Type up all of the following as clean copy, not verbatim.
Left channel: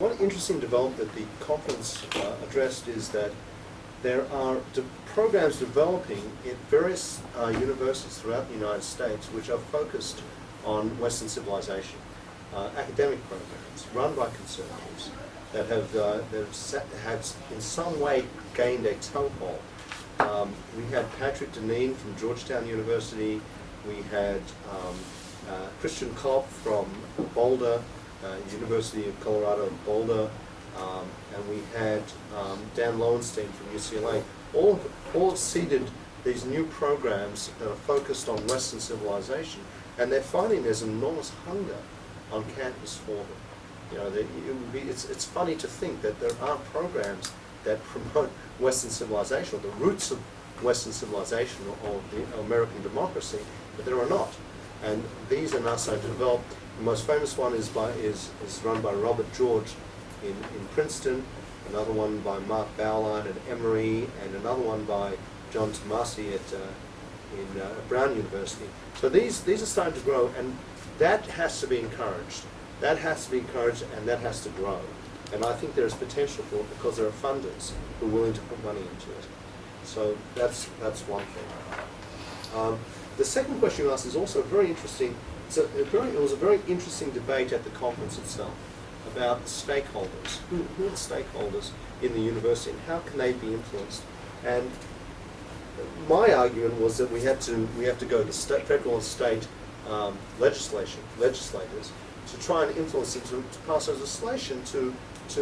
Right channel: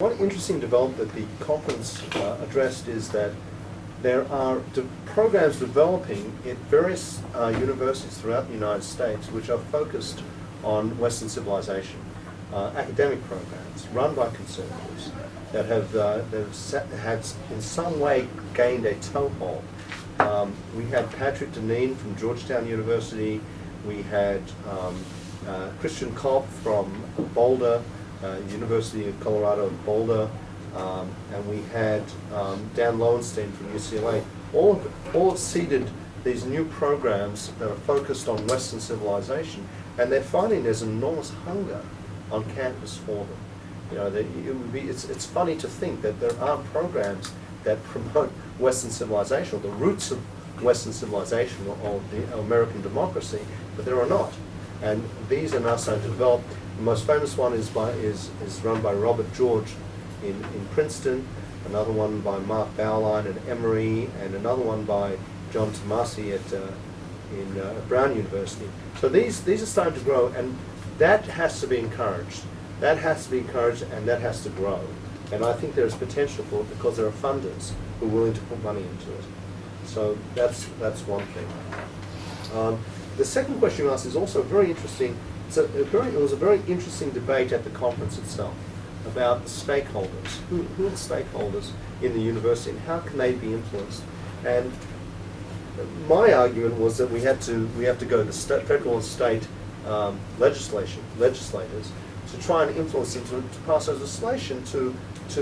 One interesting development that the conference addressed is that there are programs developing at various universities throughout the United States which are focused on Western civilization. Academic programs run by conservatives that have in some way gained a toehold. We had Patrick Deneen from Georgetown University. We had Christian Kopp from Boulder, University of Colorado at Boulder, and we had Dan Lowenstein from UCLA. All have seeded these new programs that are focused on Western civilization, and they're finding there's enormous hunger on campus for them. You know, it's funny to think that there are programs that promote Western civilization, or the roots of Western civilization, or the American democracy, but there are not. And these are now starting to develop. The most famous one is run by Robert George in Princeton, another one by Mark Bauerlein at Emory, and another one by John Tomasi at Brown University. So these are starting to grow, and that has to be encouraged. That has to be encouraged, and that has to grow. And I think there's potential for it because there are funders who are willing to put money into it. So that's one thing. The second question you asked is also very interesting. It was a very interesting debate at the conference itself about stakeholders. Who are the stakeholders in the university, and how can they be influenced? And my argument was that we have to go to the federal and state legislators to try and influence them to pass legislation to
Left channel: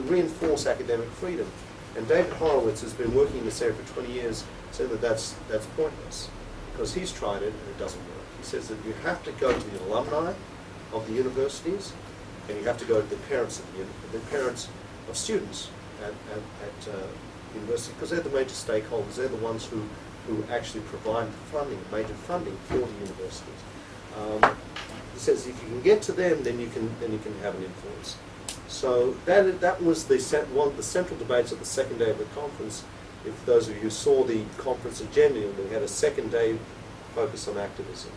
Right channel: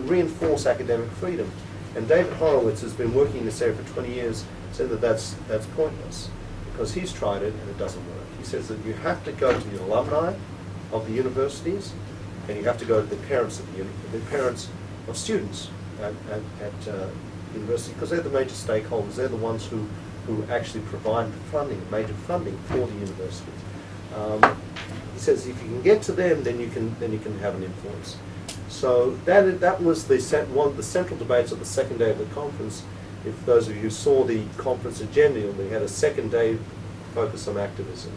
reinforce academic freedom. And David Horowitz has been working in this area for 20 years, said that that's pointless, because he's tried it and it doesn't work. He says that you have to go to the alumni of the universities, and you have to go to the parents of students at university, because they're the major stakeholders. They're the ones who actually provide funding, major funding for the universities. He says if you can get to them, then you can have an influence. So that was one of the central debates of the second day of the conference. If those of you saw the conference agenda, we had a second day focus on activism.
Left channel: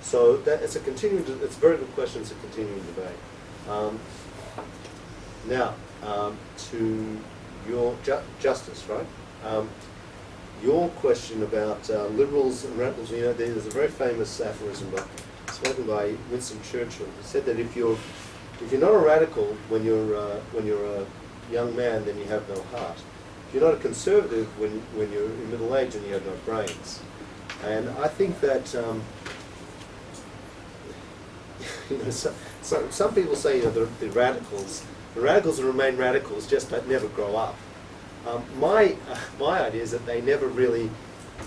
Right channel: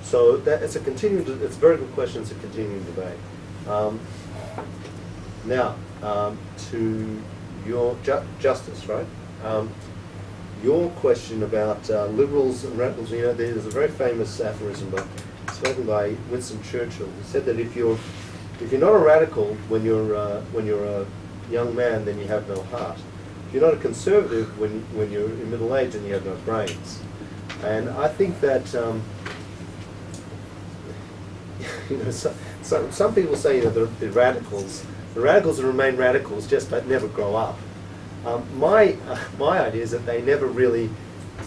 So it's a very good question. It's a continuing debate. Now to your justice, right? Your question about liberals and radicals. You know, there's a very famous aphorism spoken by Winston Churchill. He said that if you're not a radical when you're a young man, then you have no heart. If you're not a conservative when you're in middle age, then you have no brains. And I think that you know, some people say, you know, the radicals remain radicals, just that never grow up. My idea is that they never really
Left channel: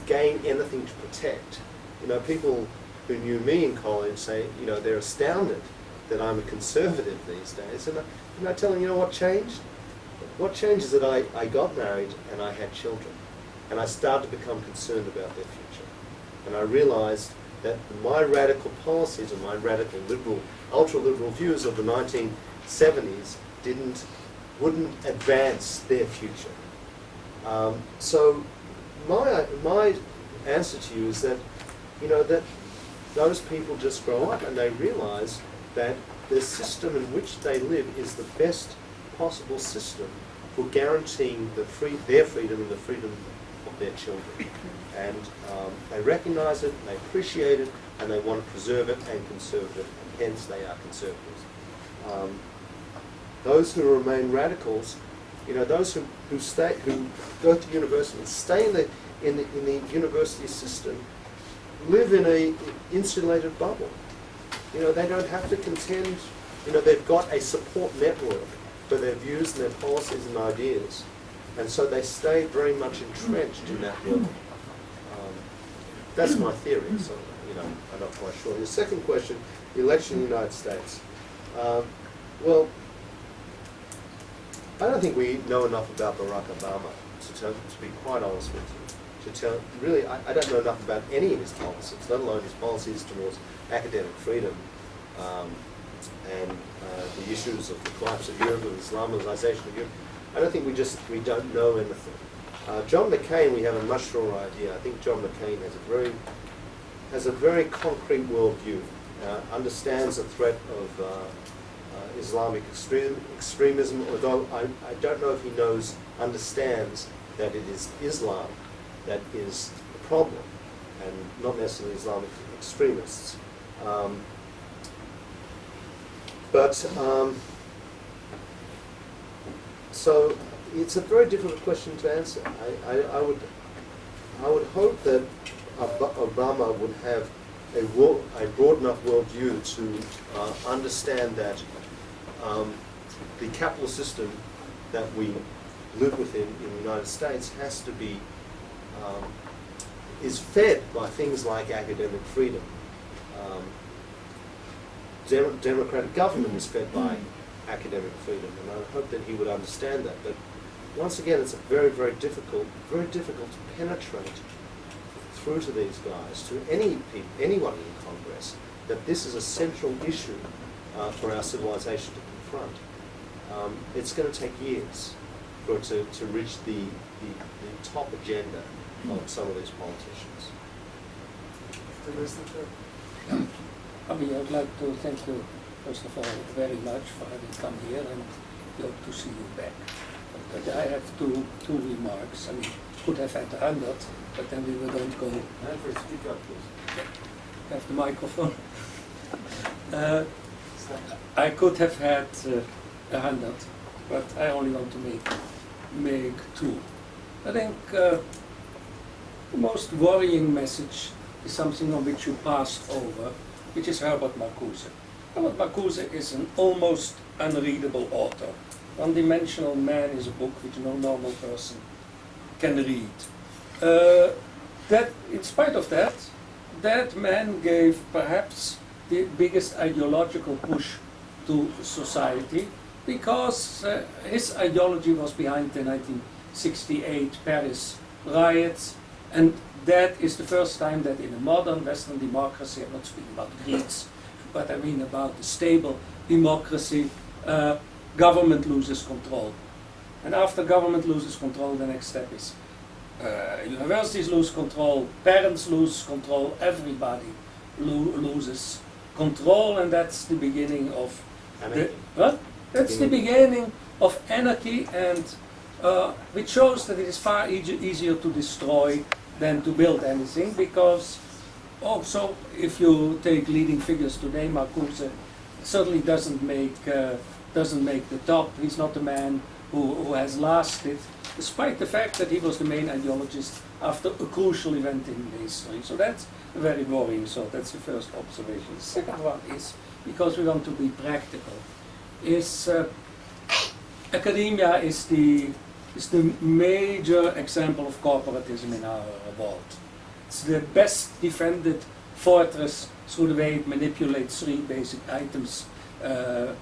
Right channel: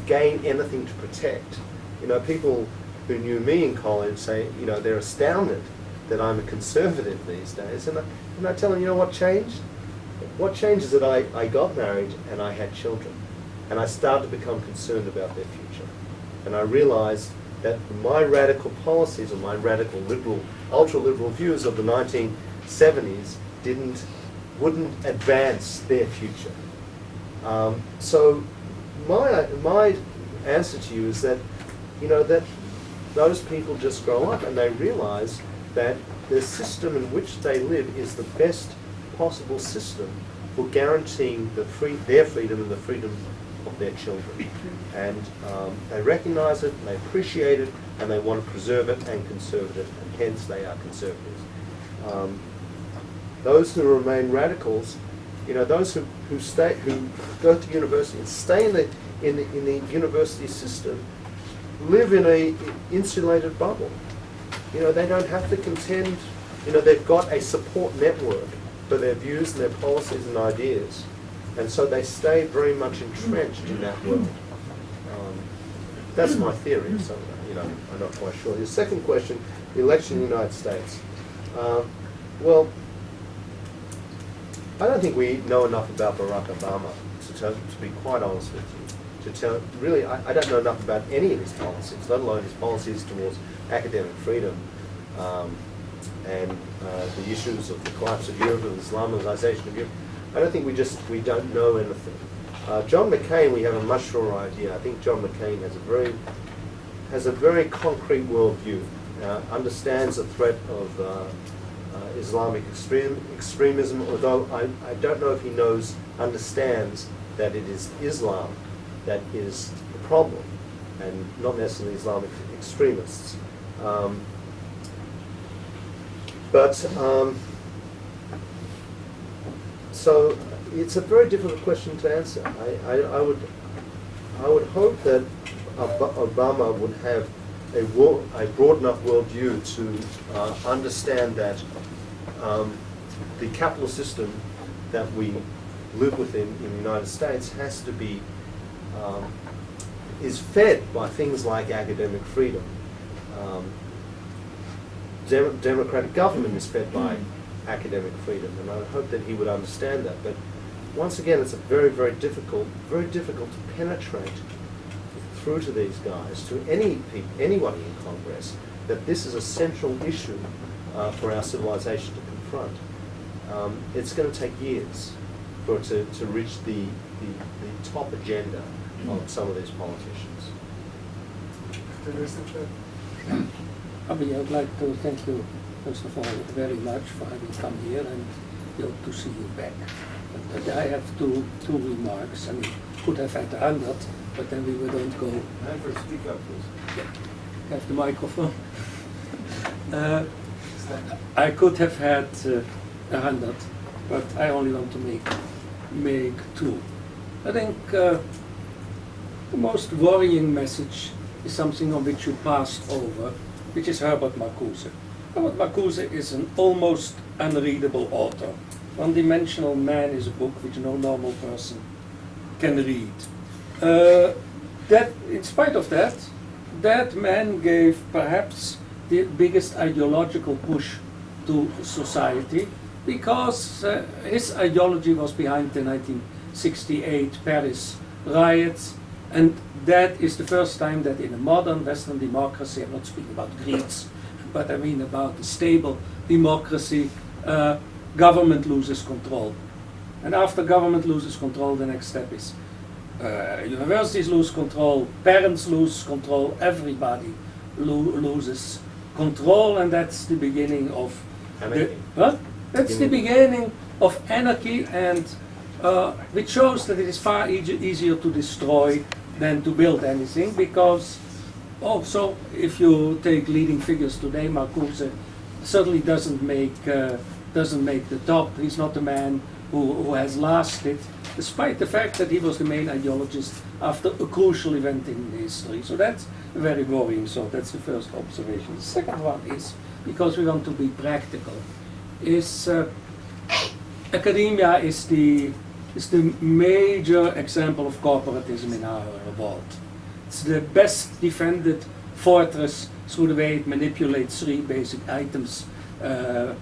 gain anything to protect. You know, people who knew me in college say, you know, they're astounded that I'm a conservative these days. And I tell them, you know what changed? What changed is that I got married and I had children. And I started to become concerned about their future. And I realized that my radical policies and my radical liberal, ultra-liberal views of the 1970s wouldn't advance their future. So my answer to you is that, you know, that those people just grow up and they realize that the system in which they live is the best possible system for guaranteeing their freedom and the freedom of their children. And they recognize it, and they appreciate it, and they want to preserve it and conserve it, and hence they are conservatives. Those who remain radicals, you know, those who go to university and stay in the university system, live in a insulated bubble. You know, they don't have to contend. You know, they've got a support network for their views and their policies and ideas, and so they stay very much entrenched in that world. That's my theory. So, you know, I'm not quite sure. Your second question: the election in the United States. Well, I don't think we know enough about Barack Obama to be quite honest with you. Really, I don't know enough about any of his policies, let alone his policies towards academic freedom and the issues of the collapse of Europe, of Islamization of Europe. I don't think we don't know anything. John McCain, we have a much surer idea. I think John McCain has a very concrete worldview, understands the threat of Islamic extremism, although I don't know if he understands that it is Islam that is the problem, and not necessarily Islamic extremists. So it's a very difficult question to answer. I would hope that Obama would have a broad enough worldview to understand that the capitalist system that we live within in the United States has to be is fed by things like academic freedom. Democratic government is fed by academic freedom, and I hope that he would understand that. But once again, it's a very, very difficult to penetrate through to these guys, to anyone in Congress, that this is a central issue for our civilization to confront. It's going to take years for it to reach the top agenda of some of these politicians. Avi, I'd like to thank you, first of all, very much for having come here, and we hope to see you back. But I have two remarks. I mean, could have had 100, but then we don't go. Speak up, please. Have the microphone. I could have had 100, but I only want to make two. I think the most worrying message is something on which you passed over, which is Herbert Marcuse. Herbert Marcuse is an almost unreadable author. One-Dimensional Man is a book which no normal person can read. That, in spite of that, that man gave perhaps the biggest ideological push to society, because his ideology was behind the 1968 Paris riots, and that is the first time that in a modern Western democracy, I'm not speaking about Greece, but I mean about a stable democracy, government loses control. And after government loses control, the next step is universities lose control, parents lose control, everybody loses control, and that's the beginning of Anarchy. That's the beginning of anarchy, and which shows that it is far easier to destroy than to build anything, because also if you take leading figures today, Marcuse certainly doesn't make the top. He's not the man who has lasted, despite the fact that he was the main ideologist after a crucial event in history. So that's very worrying. So that's the first observation. The second one is, because we want to be practical, is academia is the major example of corporatism in our world. It's the best defended fortress through the way it manipulates three basic items, the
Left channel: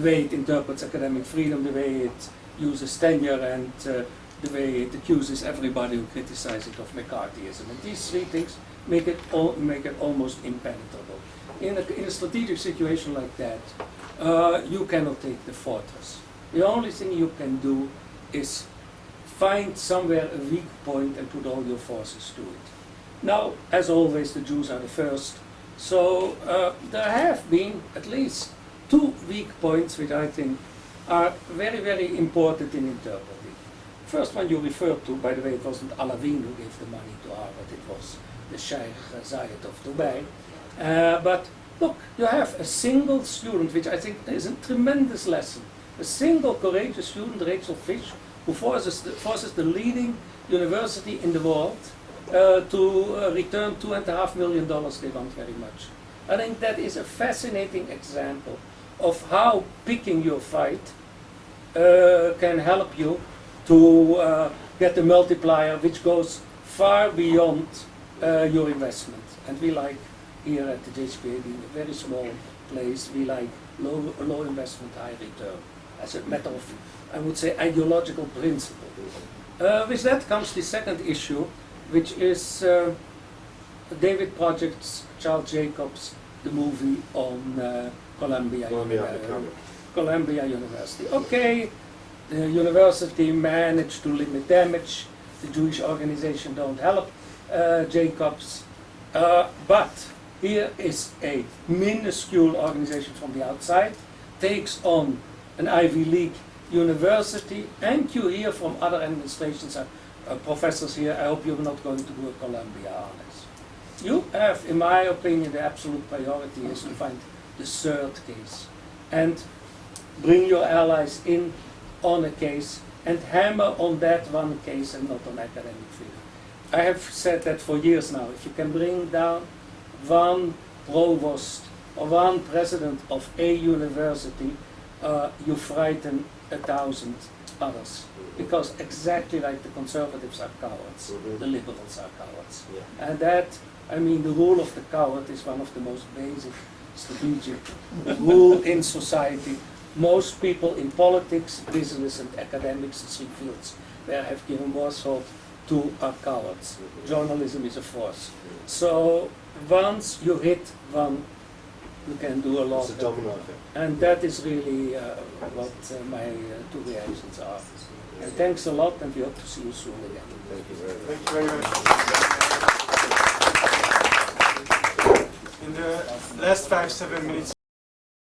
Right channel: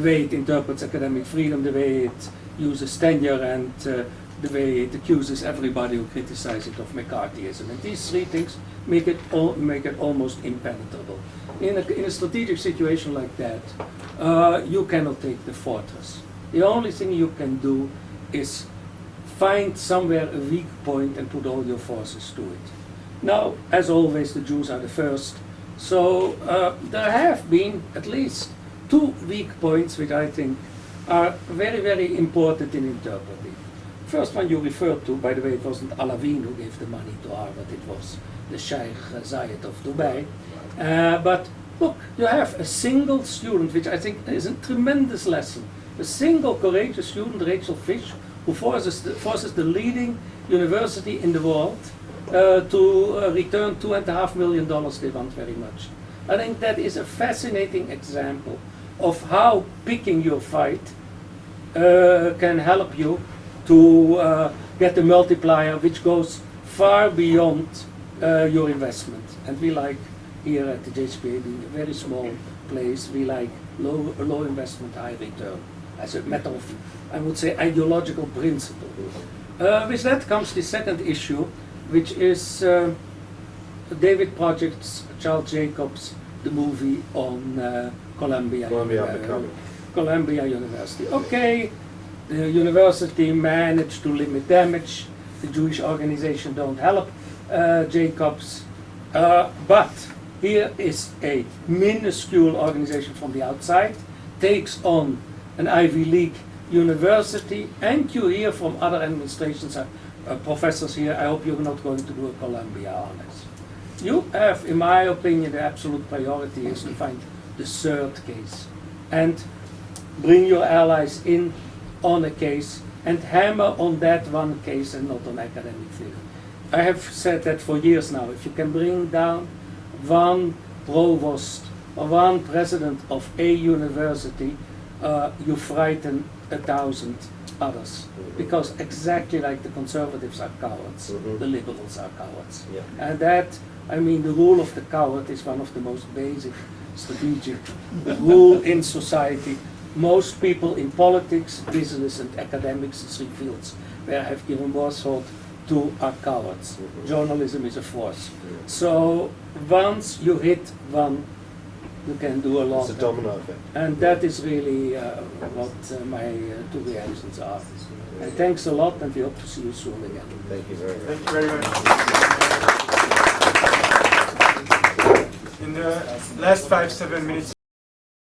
way it interprets academic freedom, the way it uses tenure, and the way it accuses everybody who criticizes it of McCarthyism. And these three things make it almost impenetrable. In a strategic situation like that, you cannot take the fortress. The only thing you can do is find somewhere a weak point and put all your forces to it. Now, as always, the Jews are the first. So there have been at least two weak points which I think are very, very important in interpreting. First one you referred to, by the way, it wasn't Alavin who gave the money to Harvard, it was the Sheikh Zayed of Dubai. But look, you have a single student, which I think is a tremendous lesson. A single courageous student, Rachel Fish, who forces the leading university in the world to return $2.5 million they want very much. I think that is a fascinating example of how picking your fight can help you to get a multiplier which goes far beyond your investment. And we like, here at the JHPA, being a very small place, we like low investment, high return, as a matter of, I would say, ideological principle. With that comes the second issue, which is David Project's Charles Jacobs, the movie on Columbia University. Okay, the university managed to limit damage. The Jewish organization don't help Jacobs, but here is a minuscule organization from the outside takes on an Ivy League university, and you hear from other administrations, professors here, I hope you're not going to do a Columbia honors. You have, in my opinion, the absolute priority is to find the third case and bring your allies in on a case and hammer on that one case and not on academic freedom. I have said that for years now. If you can bring down one provost or one president of a university, you frighten 1,000 others. Because exactly like the conservatives are cowards, the liberals are cowards. Yeah. And that, I mean, the rule of the coward is one of the most basic strategic rule in society. Most people in politics, business, and academics, three fields where I have given more thought to, are cowards. Journalism is a force. So once you hit one, you can do a lot. It's a domino effect. And that is really what my two reactions are. And thanks a lot, and we hope to see you soon again. Thank you very much. Thank you very much. In the last 5-7 minutes.